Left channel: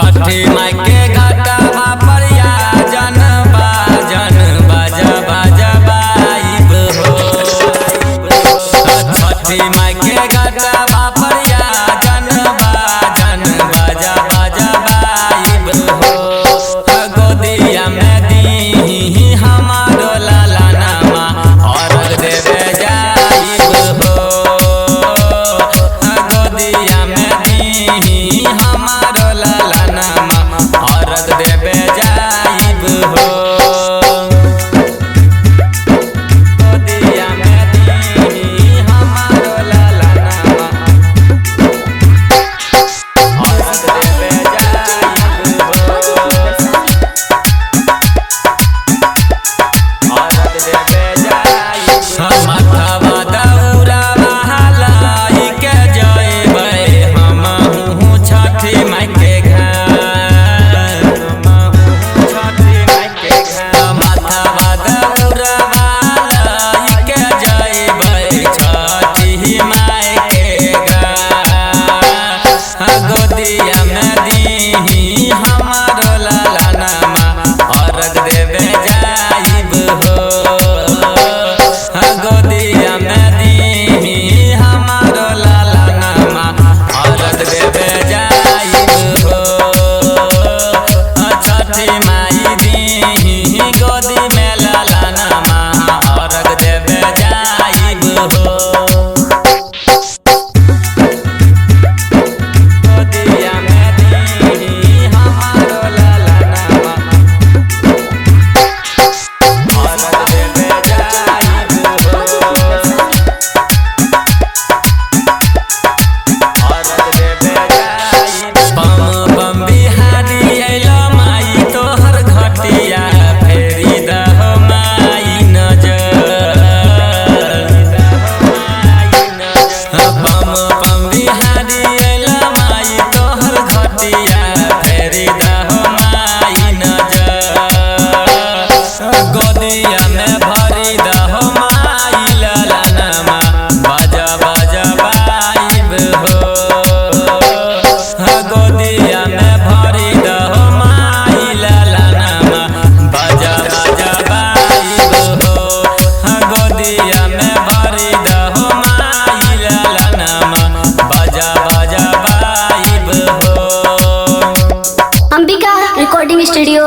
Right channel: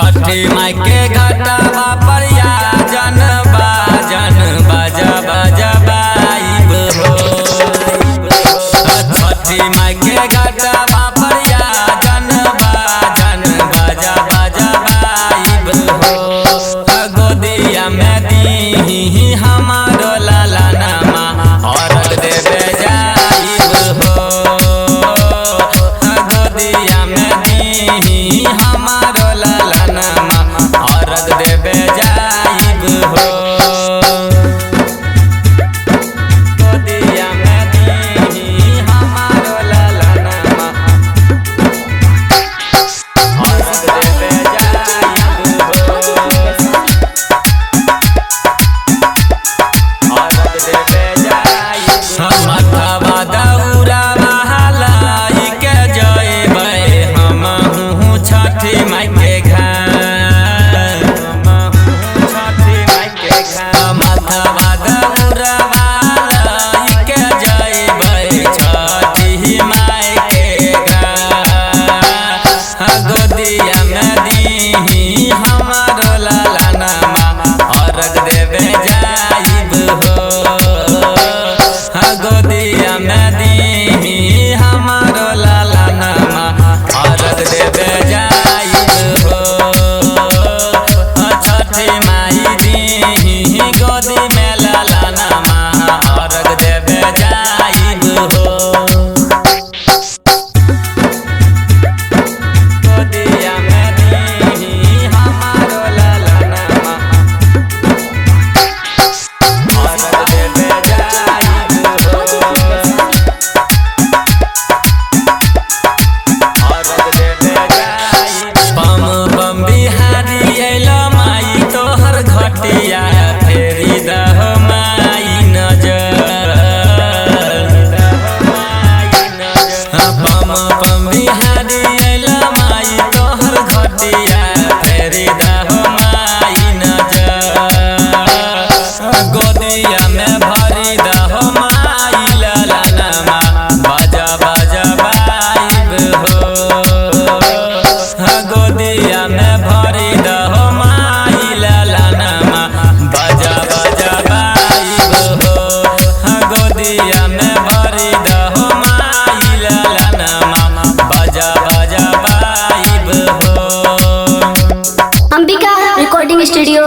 छठी माई के घाटा पर या जन बाजा बाजा बाइब हो। छठी माई के घाटा पर या जन बाजा बाजा बाइब हो। गोदिया में दी हमारो लाला नामा अर्घ देवे जाइब हो। गोदिया में दी हमारो लाला नामा अर्घ देवे जाइब हो। गोदिया में दी हमारो लाला नामा अर्घ देवे जाइब हो। अर्घ देवे जाइब माथवा दौरा महलाई के जइबै हमहू छठी माई के घर। छठी माई के घर माथवा दौरा महलाई के जइबै छठी माई के घर। गोदिया में दी हमारो लाला नामा अर्घ देवे जाइब हो। गोदिया में दी हमारो लाला नामा अर्घ देवे जाइब हो। छठी माई दी गोदी में लाला नामा अर्घ देवे जाइब हो। गोदिया में दी हमारो लाला नामा अर्घ देवे जाइब हो। अर्घ देवे जाइब पम पम बिहारी अइलो माई तोहर घटिया फेरी दहो माई नजर। पम पम बिहारी अइलो माई तोहर घटिया फेरी दहो माई नजर। गोदिया में भरी दहो माई लाला नामा बाजा बाजा बाइब हो। गोदिया में भरी दहो माई लाला नामा बाजा बाजा बाइब हो। गोदिया में भरी दहो माई लाला नामा बाजा बाजा बाइब हो। Ambika recording studio